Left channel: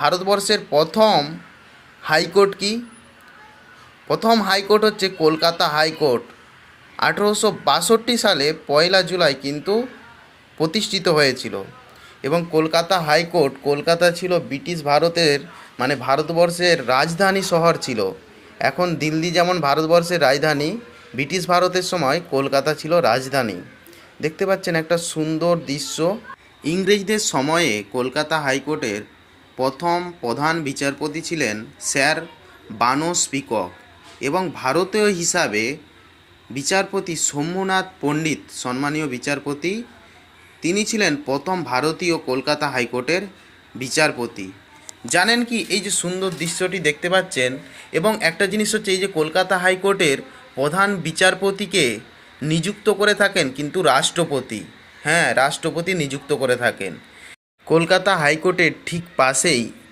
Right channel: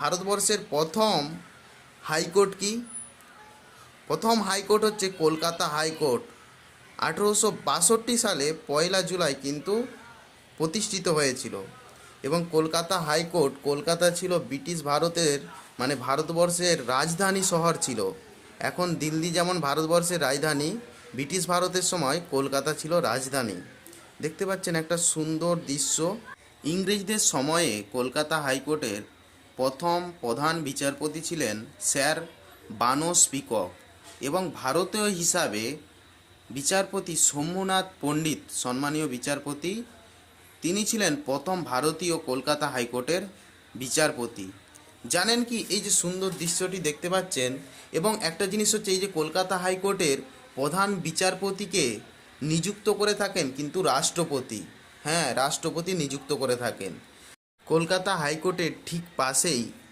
ভারতবর্ষের প্রথম হাইকোর্ট কি? প্রথম হাইকোর্ট হচ্ছে কলকাতা হাইকোর্ট। 1862 সালে 1 জুলাই কিন্তু প্রতিষ্ঠিত হয়েছিল। এবং কলকাতা হাইকোর্ট, কলকাতা ছিল ব্রিটিশ ভারতের ভারতবর্ষের রাজধানী শহর ছিল। এখন দিল্লি যেমন ভারতবর্ষের রাজধানী, ব্রিটিশ ভারতের সময় কলকাতা ছিল রাজধানী। দেখতে পাচ্ছেন একটা সুন্দর দৃশ্য। ইংরেজদের সময়ে কলকাতা হাইকোর্টের প্রথম প্রধান বিচারপতি ছিলেন স্যার বানস পিকক, এবং ভারতীয় হিসাবে বিচারপতি শম্ভুনাথ পণ্ডিত, সম্মানীয় বিচারপতি, তিনি ছিলেন প্রথম ভারতীয় কলকাতা হাইকোর্টের বিচারপতি। জানেন কি, এই যে সুন্দর দৃশ্যটি দেখতে পাচ্ছেন, এবং একটা জিনিস হচ্ছে এই যে কলকাতা হাইকোর্টের প্রধান বিচারপতিকে নিযুক্ত করে থাকেন কিন্তু রাষ্ট্রপতি। হ্যাঁ, রাষ্ট্রপতি নিযুক্ত করে থাকেন। কলকাতা হাইকোর্টের ঠিক পাশেই